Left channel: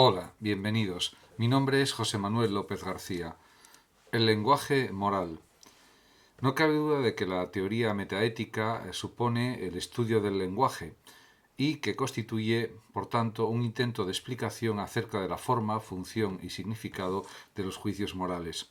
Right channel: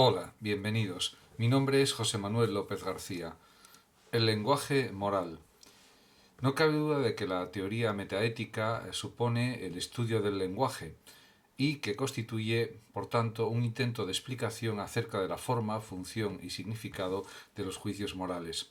Hola, bienvenidos. Mi nombre es José Manuel López García. El lenguaje moral. No cabe duda de que la teoría metaética supone el estudio del lenguaje y que constituye, por tanto, un intento de explicación acerca de la forma, función y significado de los juicios morales.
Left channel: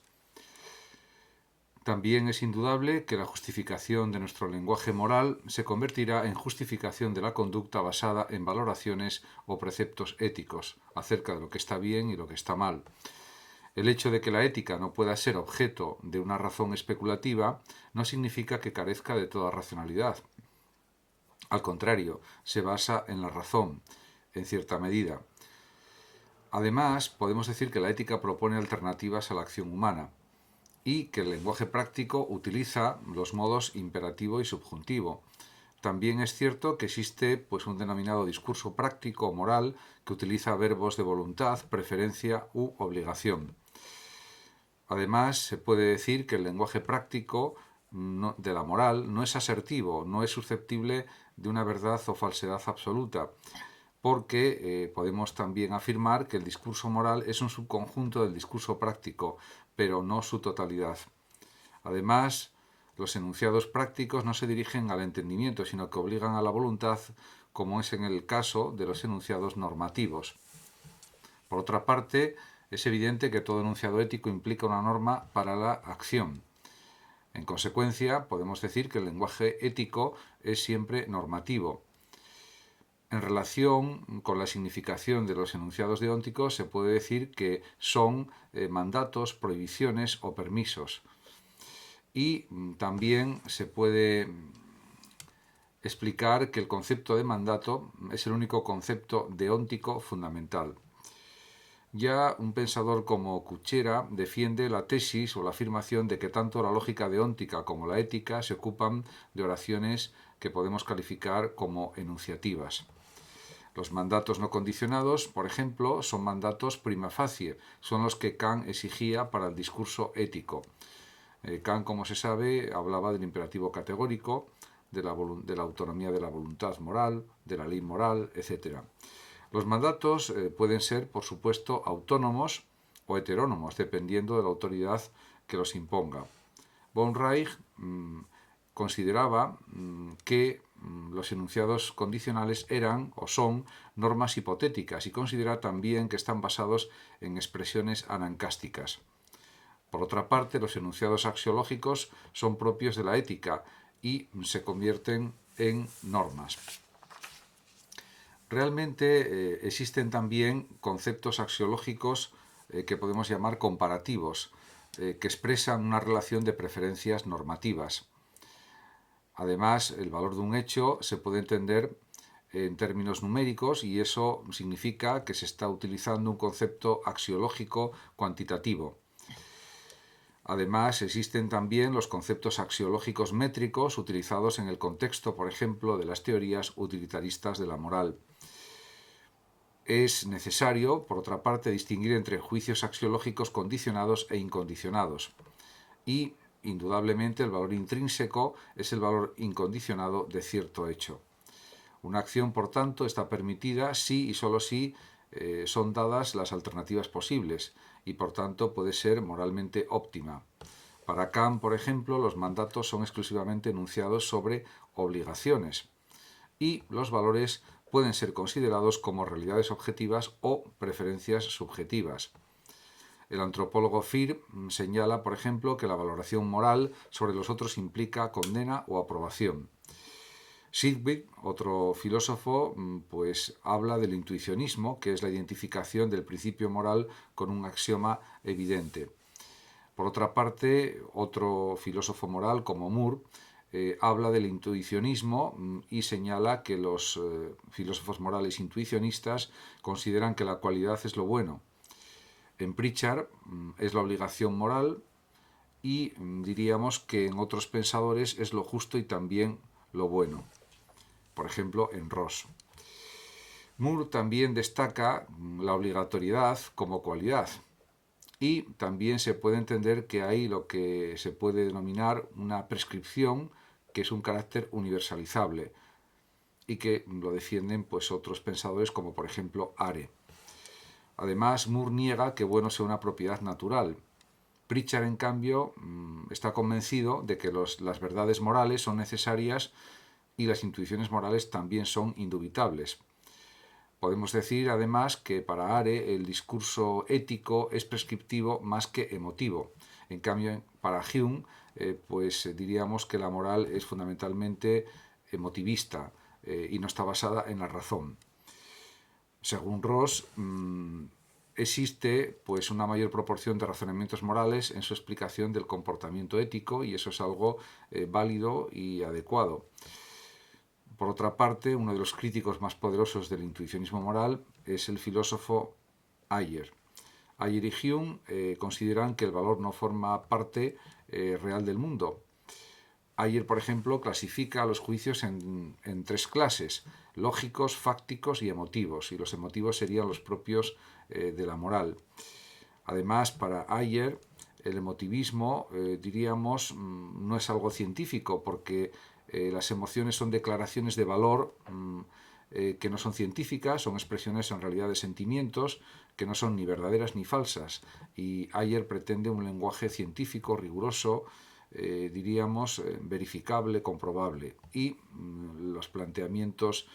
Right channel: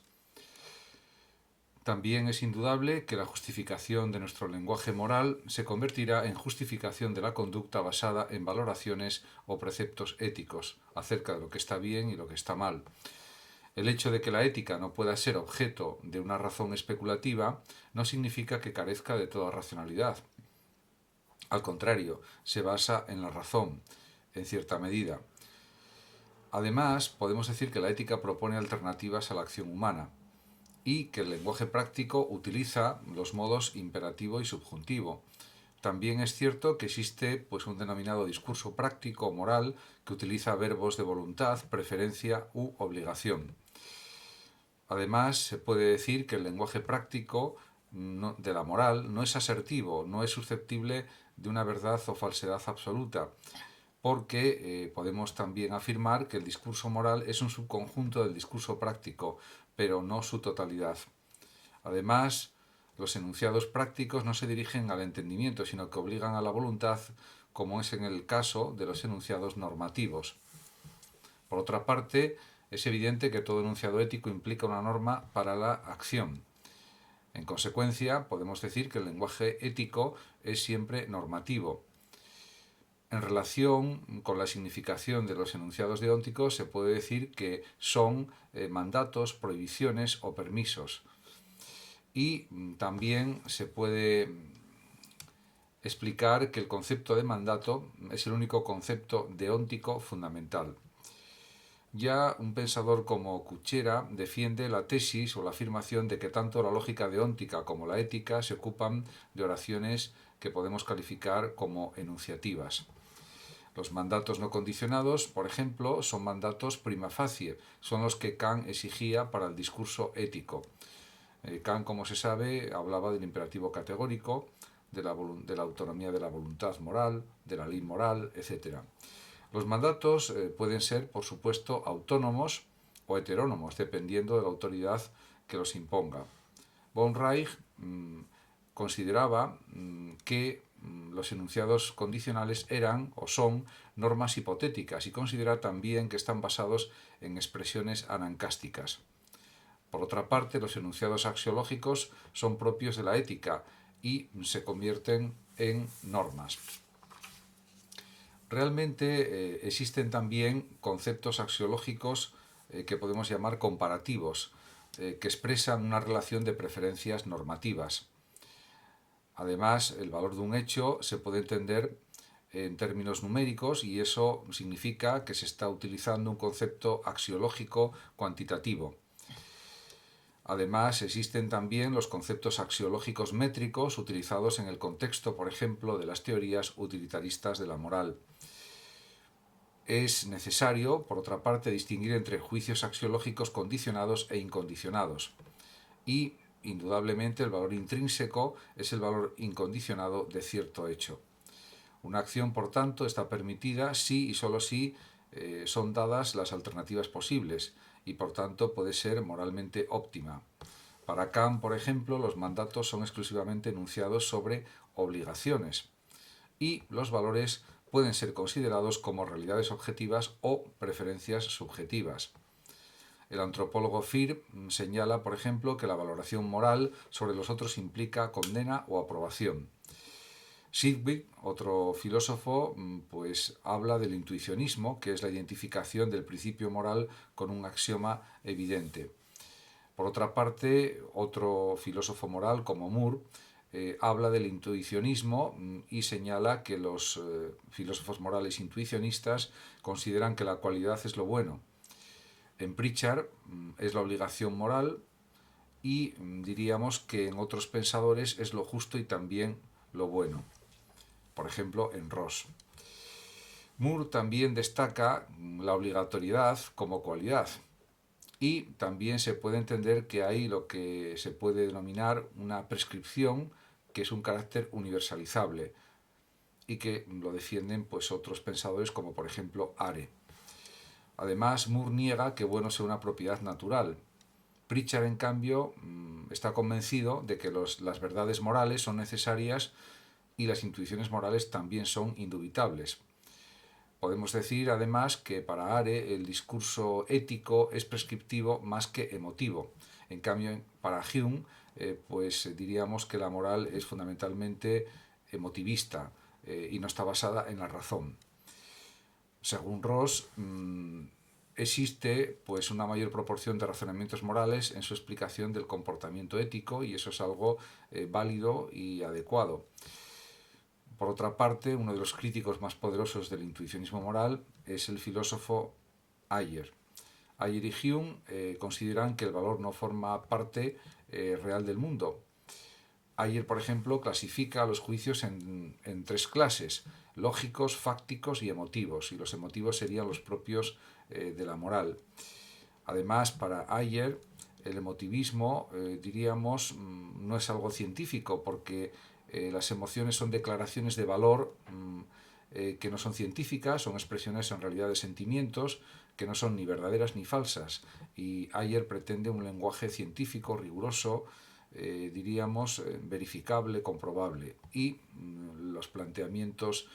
También es indudable que la justificación de nuestro lenguaje moral se convertirá en justificación de la conducta basada en valoraciones o preceptos éticos acerca de lo que está bien y lo que está mal. El hecho de que la ética no pueda ser objeto de una razón especulativa no significa que carezca de toda racionalidad. Al contrario, se basa en la razón, en cierta medida. Además, podemos decir que la ética propone alternativas a la acción humana y que el lenguaje práctico utiliza los modos imperativo y subjuntivo. También es cierto que existe un denominado discurso práctico o moral que utiliza verbos de voluntad, preferencia u obligación. Además, se puede decir que el lenguaje práctico de la moral no es asertivo, no es susceptible de una verdad o falsedad absoluta, porque podemos también afirmar que el discurso moral es un subconjunto del discurso práctico, pero no su totalidad. Además, los enunciados prácticos no se dirigen al entendimiento, sino que obligan a la voluntad, como es en el caso de los enunciados normativos. Por otra parte, es evidente que todo enunciado ético implica una norma para la acción. En consecuencia, podemos decir que el lenguaje ético es siempre normativo. En relación con la significación de los enunciados deónticos, se puede decir que son mandatos, prohibiciones o permisos. Y también se puede explicar que el concepto de mandato es el único concepto deóntico fundamental. Ya un pensador como Kuchera defiende la tesis o la afirmación de que tanto la lógica deóntica como la ética se ocupan de oraciones que podemos calificar como enunciativas. Los mandatos no condicionados, por ejemplo, son mandatos prima facie, son los que Kant exigía para el discurso ético. Kant, como se sabe, hablaba del imperativo categórico, de la autonomía de la voluntad moral, de la ley moral, etc. Los mandatos pueden ser, por supuesto, autónomos o heterónomos, dependiendo de la autoridad que los imponga. Von Reich consideraba que los enunciados condicionales eran o son normas hipotéticas y considera también que están basados en expresiones anancásticas. Por otra parte, los enunciados axiológicos son propios de la ética y se convierten en normas. Realmente existen también conceptos axiológicos que podemos llamar comparativos, que expresan una relación de preferencias normativas. Además, el valor de un hecho se puede entender en términos numéricos y eso significa que se está utilizando un concepto axiológico cuantitativo. Además, existen también los conceptos axiológicos métricos utilizados en el contexto, por ejemplo, de las teorías utilitaristas de la moral. Es necesario, por otra parte, distinguir entre juicios axiológicos condicionados e incondicionados. Y, indudablemente, el valor intrínseco es el valor incondicionado de cierto hecho. Una acción, por tanto, está permitida si y solo si son dadas las alternativas posibles y, por tanto, puede ser moralmente óptima. Para Kant, por ejemplo, los mandatos son exclusivamente enunciados sobre obligaciones y los valores pueden ser considerados como realidades objetivas o preferencias subjetivas. El antropólogo Fehr señala, por ejemplo, que la valoración moral sobre los otros implica condena o aprobación. Sidgwick, otro filósofo, habla del intuicionismo, que es la identificación del principio moral con un axioma evidente. Por otra parte, otro filósofo moral, como Moore, habla del intuicionismo y señala que los filósofos morales intuicionistas consideran que la cualidad es lo bueno. En Pritchard es la obligación moral y diríamos que en otros pensadores es lo justo y también lo bueno. Por ejemplo, en Ross. Moore también destaca la obligatoriedad como cualidad. Y también se puede entender que hay lo que se puede denominar una prescripción, que es un carácter universalizable y que lo defienden otros pensadores como por ejemplo Are. Además, Moore niega que bueno sea una propiedad natural. Pritchard, en cambio, está convencido de que las verdades morales son necesarias y las intuiciones morales también son indubitables. Podemos decir, además, que para Are el discurso ético es prescriptivo más que emotivo. En cambio, para Hume, pues diríamos que la moral es fundamentalmente emotivista y no está basada en la razón. Según Ross, existe pues una mayor proporción de razonamientos morales en su explicación del comportamiento ético y eso es algo válido y adecuado. Por otra parte, uno de los críticos más poderosos del intuicionismo moral es el filósofo Ayer. Ayer y Hume consideran que el valor no forma parte real del mundo. Ayer, por ejemplo, clasifica los juicios en tres clases: lógicos, fácticos y emotivos, y los emotivos serían los propios de la moral. Además, para Ayer, el emotivismo, diríamos, no es algo científico, porque las emociones son declaraciones de valor que no son científicas, son expresiones en realidad de sentimientos que no son ni verdaderas ni falsas. Y Ayer pretende un lenguaje científico, riguroso, diríamos, verificable, comprobable. Y los planteamientos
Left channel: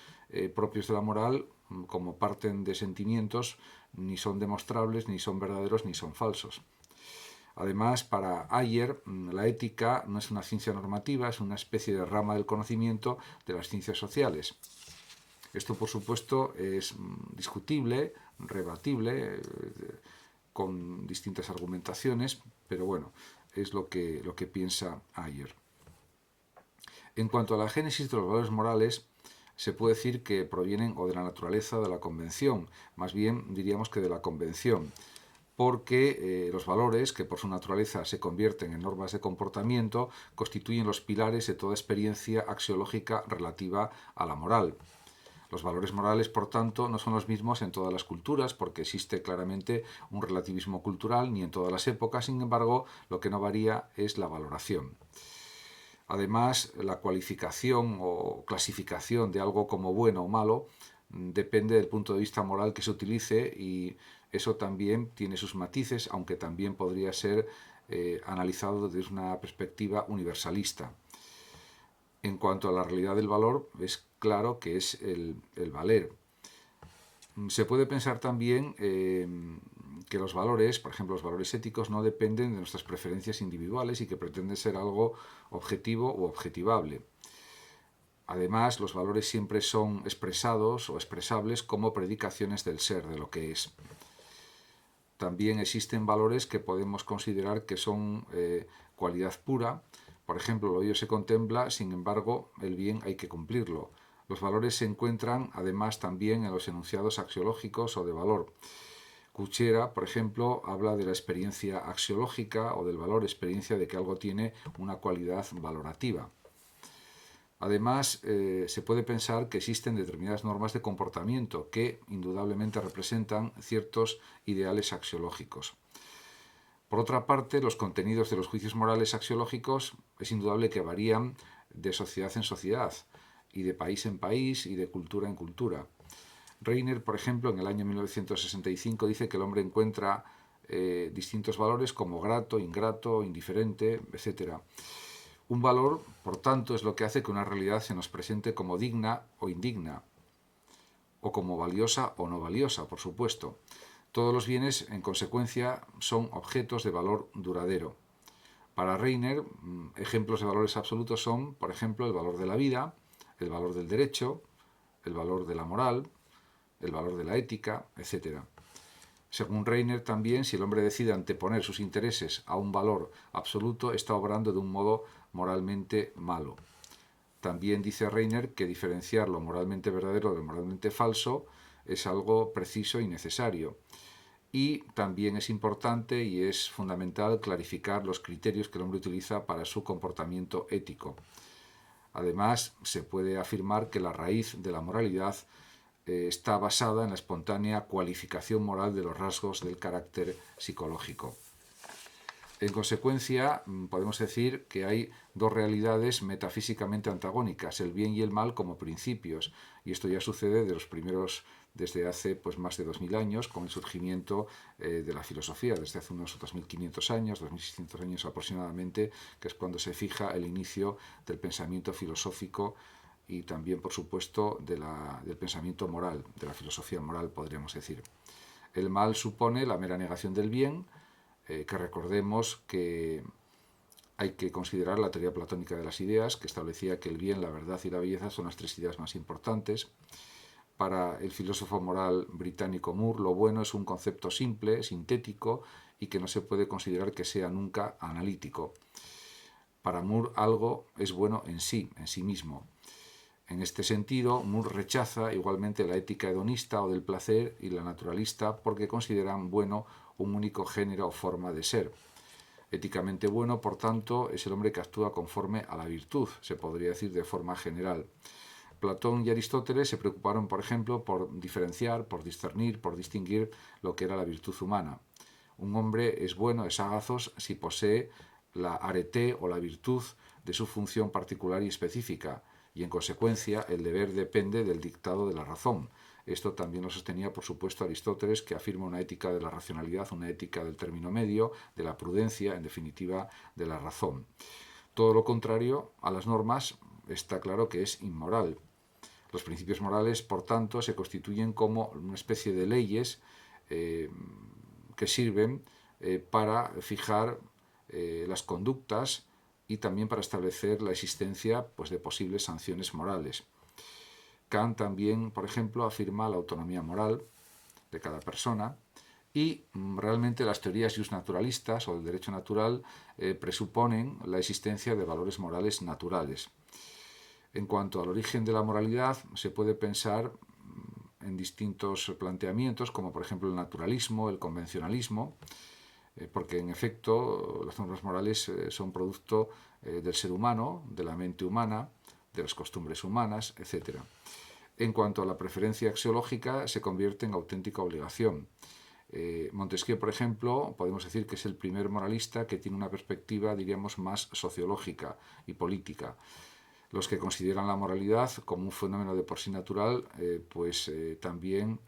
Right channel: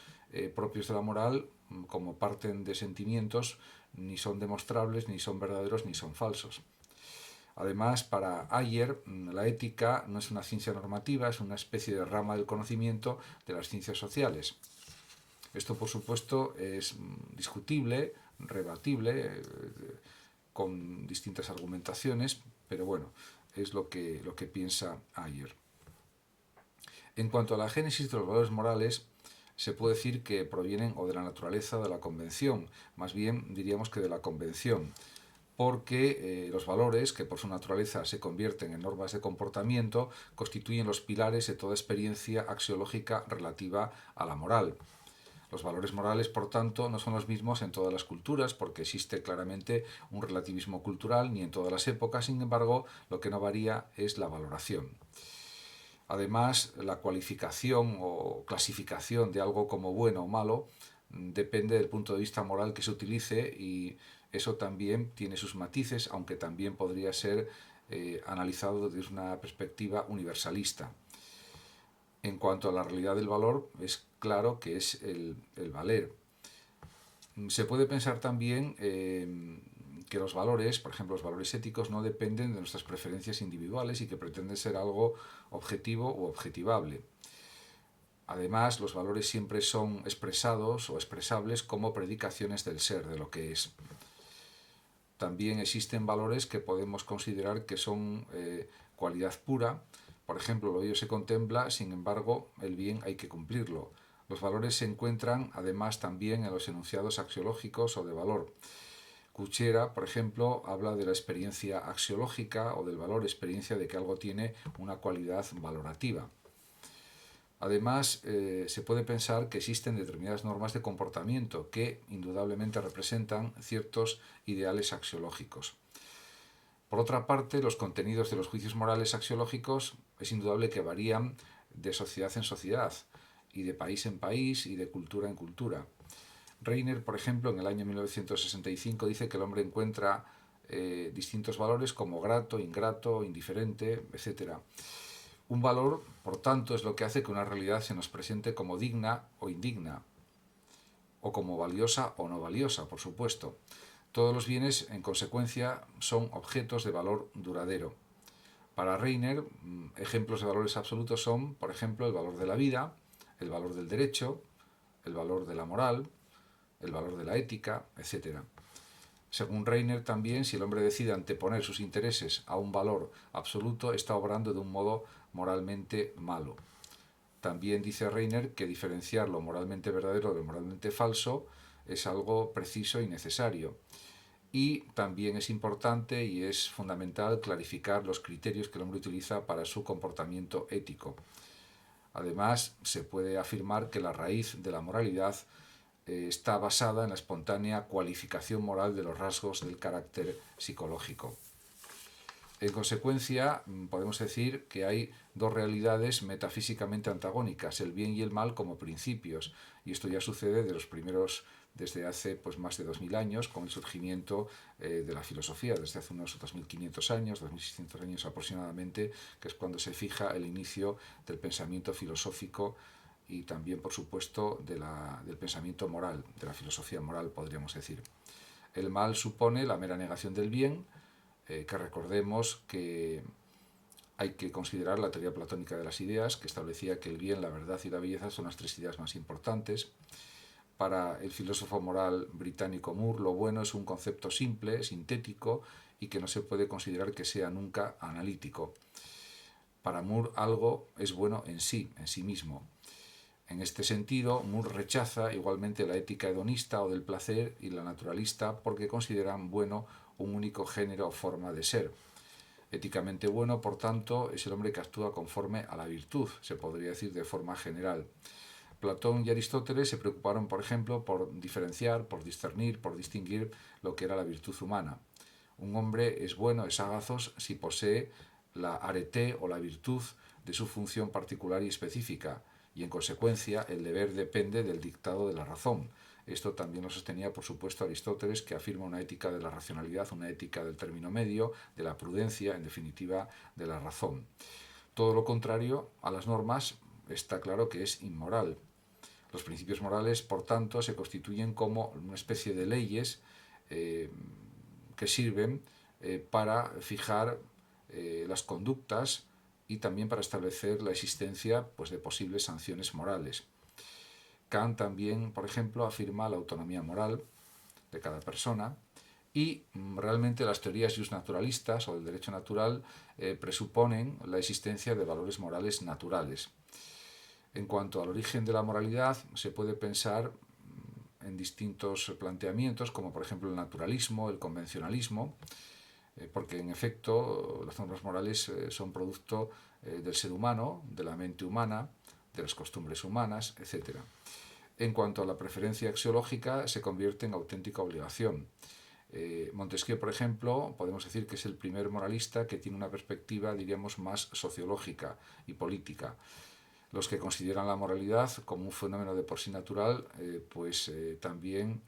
propios de la moral, como parten de sentimientos, ni son demostrables, ni son verdaderos, ni son falsos. Además, para Ayer, la ética no es una ciencia normativa, es una especie de rama del conocimiento de las ciencias sociales. Esto, por supuesto, es discutible, rebatible, con distintas argumentaciones, pero bueno, es lo que piensa Ayer. En cuanto a la génesis de los valores morales, se puede decir que provienen o de la naturaleza o de la convención, más bien diríamos que de la convención, porque los valores, que por su naturaleza se convierten en normas de comportamiento, constituyen los pilares de toda experiencia axiológica relativa a la moral. Los valores morales, por tanto, no son los mismos en todas las culturas, porque existe claramente un relativismo cultural, ni en todas las épocas. Sin embargo, lo que no varía es la valoración. Además, la cualificación o clasificación de algo como bueno o malo depende del punto de vista moral que se utilice, y eso también tiene sus matices, aunque también podría ser analizado desde una perspectiva universalista. En cuanto a la realidad del valor, es claro que es el valer. Se puede pensar también que los valores, por ejemplo los valores éticos, no dependen de nuestras preferencias individuales y que pretenden ser algo objetivo u objetivable. Además, los valores siempre son expresados o expresables como predicaciones del ser, de lo que es. También existen valores que podemos considerar que son cualidad pura. Por ejemplo, lo bello se contempla, sin embargo, el bien hay que cumplirlo. Los valores se encuentran, además, también en los enunciados axiológicos o de valor. Cuchera, por ejemplo, habla de la experiencia axiológica o del valor experiencia de que algo tiene una cualidad valorativa. Además, se puede pensar que existen determinadas normas de comportamiento que indudablemente representan ciertos ideales axiológicos. Por otra parte, los contenidos de los juicios morales axiológicos es indudable que varían de sociedad en sociedad, y de país en país, y de cultura en cultura. Reiner, por ejemplo, en el año 1965 dice que el hombre encuentra distintos valores como grato, ingrato, indiferente, etc. Un valor, por tanto, es lo que hace que una realidad se nos presente como digna o indigna, o como valiosa o no valiosa, por supuesto. Todos los bienes, en consecuencia, son objetos de valor duradero. Para Reiner, ejemplos de valores absolutos son, por ejemplo, el valor de la vida, el valor del derecho, el valor de la moral, el valor de la ética, etc. Según Reiner, también, si el hombre decide anteponer sus intereses a un valor absoluto, está obrando de un modo moralmente malo. También dice Reiner que diferenciar lo moralmente verdadero de lo moralmente falso es algo preciso y necesario. Y también es importante y es fundamental clarificar los criterios que el hombre utiliza para su comportamiento ético. Además, se puede afirmar que la raíz de la moralidad está basada en la espontánea cualificación moral de los rasgos del carácter psicológico. En consecuencia, podemos decir que hay dos realidades metafísicamente antagónicas, el bien y el mal como principios, y esto ya sucede de los primeros desde hace pues, más de 2000 años, con el surgimiento de la filosofía, desde hace unos 2500 años, 2600 años aproximadamente, que es cuando se fija el inicio del pensamiento filosófico y también, por supuesto, del pensamiento moral, de la filosofía moral, podríamos decir. El mal supone la mera negación del bien, que recordemos que hay que considerar la teoría platónica de las ideas, que establecía que el bien, la verdad y la belleza son las tres ideas más importantes. Para el filósofo moral británico Moore, lo bueno es un concepto simple, sintético y que no se puede considerar que sea nunca analítico. Para Moore, algo es bueno en sí mismo. En este sentido, Moore rechaza igualmente la ética hedonista o del placer y la naturalista porque consideran bueno un único género o forma de ser. Éticamente bueno, por tanto, es el hombre que actúa conforme a la virtud, se podría decir de forma general. Platón y Aristóteles se preocuparon, por ejemplo, por diferenciar, por discernir, por distinguir lo que era la virtud humana. Un hombre es bueno, es sagazos, si posee la arete o la virtud de su función particular y específica, y en consecuencia el deber depende del dictado de la razón. Esto también lo sostenía, por supuesto, Aristóteles, que afirma una ética de la racionalidad, una ética del término medio, de la prudencia, en definitiva, de la razón. Todo lo contrario a las normas está claro que es inmoral. Los principios morales, por tanto, se constituyen como una especie de leyes que sirven para fijar las conductas y también para establecer la existencia pues, de posibles sanciones morales. Kant también, por ejemplo, afirma la autonomía moral de cada persona y realmente las teorías justnaturalistas o del derecho natural presuponen la existencia de valores morales naturales. En cuanto al origen de la moralidad, se puede pensar en distintos planteamientos, como por ejemplo el naturalismo, el convencionalismo, porque en efecto las normas morales son producto del ser humano, de la mente humana, de las costumbres humanas, etc. En cuanto a la preferencia axiológica, se convierte en auténtica obligación. Montesquieu, por ejemplo, podemos decir que es el primer moralista que tiene una perspectiva, diríamos, más sociológica y política. Los que consideran la moralidad como un fenómeno de por sí natural, también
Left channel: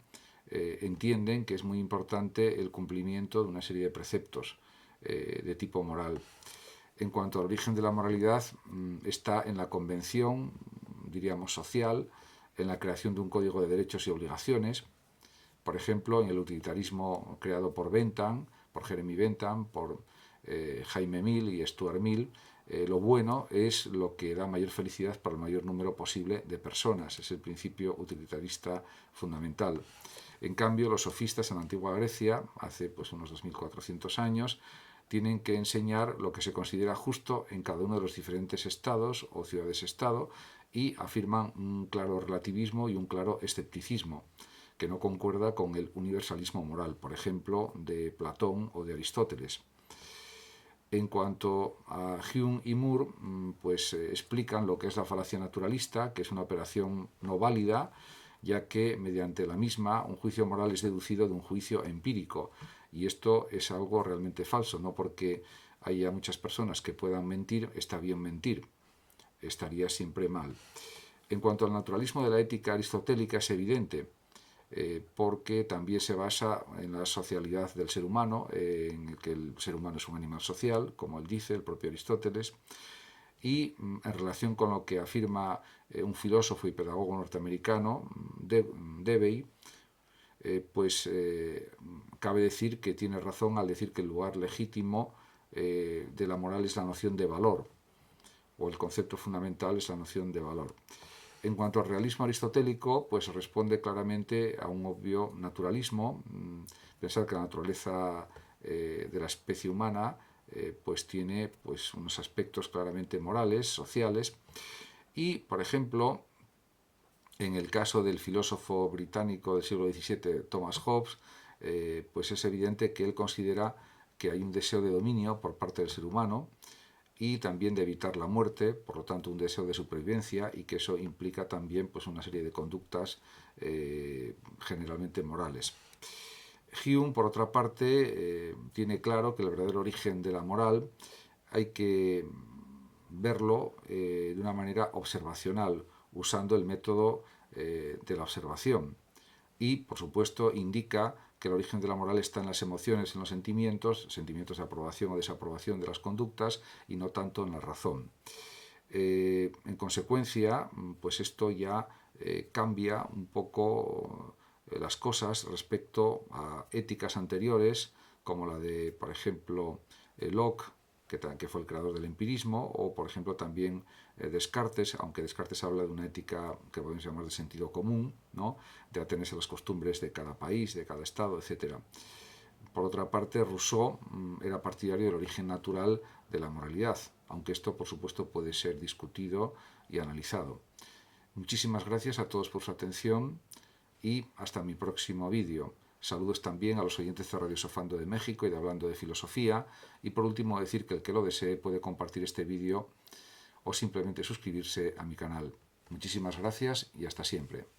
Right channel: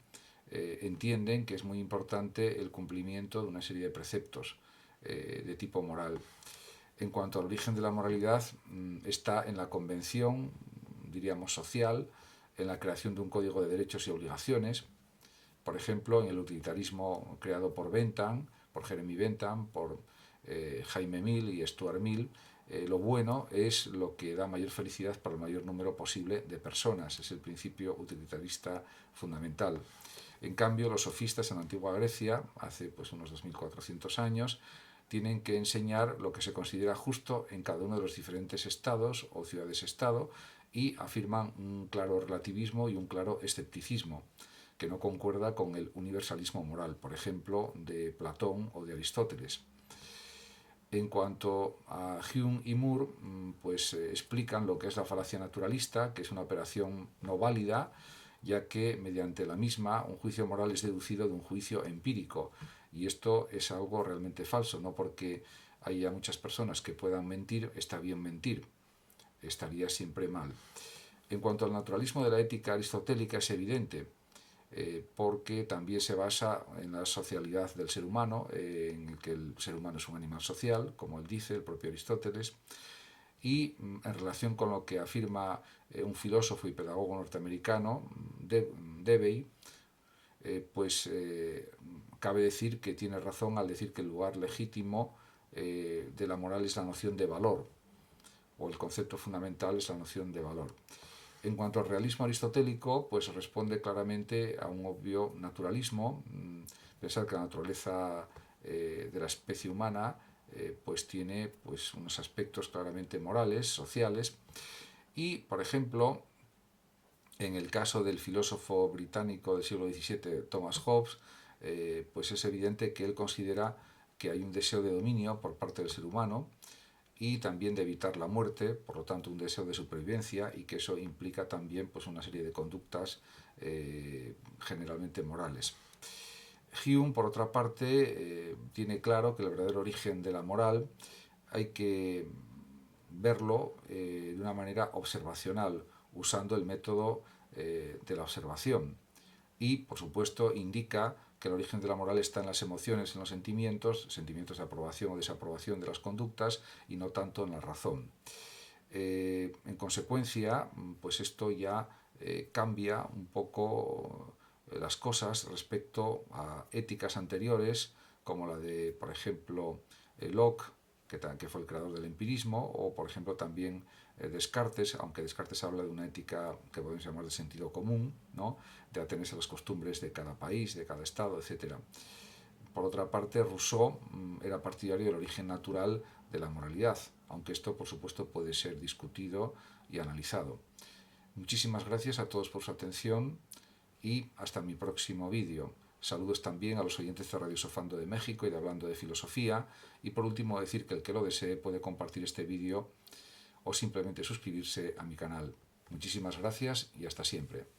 entienden que es muy importante el cumplimiento de una serie de preceptos de tipo moral. En cuanto al origen de la moralidad, está en la convención, diríamos, social, en la creación de un código de derechos y obligaciones, por ejemplo, en el utilitarismo creado por Bentham, por Jeremy Bentham, por Jaime Mill y Stuart Mill. Lo bueno es lo que da mayor felicidad para el mayor número posible de personas. Es el principio utilitarista fundamental. En cambio, los sofistas en la antigua Grecia, hace pues, unos 2400 años, tienen que enseñar lo que se considera justo en cada uno de los diferentes estados o ciudades-estado y afirman un claro relativismo y un claro escepticismo que no concuerda con el universalismo moral, por ejemplo, de Platón o de Aristóteles. En cuanto a Hume y Moore, explican lo que es la falacia naturalista, que es una operación no válida, ya que mediante la misma un juicio moral es deducido de un juicio empírico. Y esto es algo realmente falso, no porque haya muchas personas que puedan mentir, está bien mentir, estaría siempre mal. En cuanto al naturalismo de la ética aristotélica es evidente, porque también se basa en la socialidad del ser humano, en el que el ser humano es un animal social, como él dice, el propio Aristóteles, y en relación con lo que afirma un filósofo y pedagogo norteamericano, Debye, cabe decir que tiene razón al decir que el lugar legítimo de la moral es la noción de valor, o el concepto fundamental es la noción de valor. En cuanto al realismo aristotélico, pues responde claramente a un obvio naturalismo, pensar que la naturaleza de la especie humana tiene unos aspectos claramente morales, sociales, y, por ejemplo, en el caso del filósofo británico del siglo XVII, Thomas Hobbes, es evidente que él considera que hay un deseo de dominio por parte del ser humano, y también de evitar la muerte, por lo tanto un deseo de supervivencia, y que eso implica también una serie de conductas generalmente morales. Hume, por otra parte, tiene claro que el verdadero origen de la moral hay que verlo de una manera observacional, usando el método de la observación. y, por supuesto, indica que el origen de la moral está en las emociones, en los sentimientos, sentimientos de aprobación o desaprobación de las conductas, y no tanto en la razón. En consecuencia, pues esto ya cambia un poco las cosas respecto a éticas anteriores, como la de, por ejemplo, Locke, que fue el creador del empirismo, o por ejemplo también Descartes, aunque Descartes habla de una ética que podemos llamar de sentido común, ¿no? De atenerse a las costumbres de cada país, de cada estado, etc. Por otra parte, Rousseau era partidario del origen natural de la moralidad, aunque esto por supuesto puede ser discutido y analizado. Muchísimas gracias a todos por su atención y hasta mi próximo vídeo. Saludos también a los oyentes de Radio Sofando de México y de Hablando de Filosofía. Y por último decir que el que lo desee puede compartir este vídeo o simplemente suscribirse a mi canal. Muchísimas gracias y hasta siempre.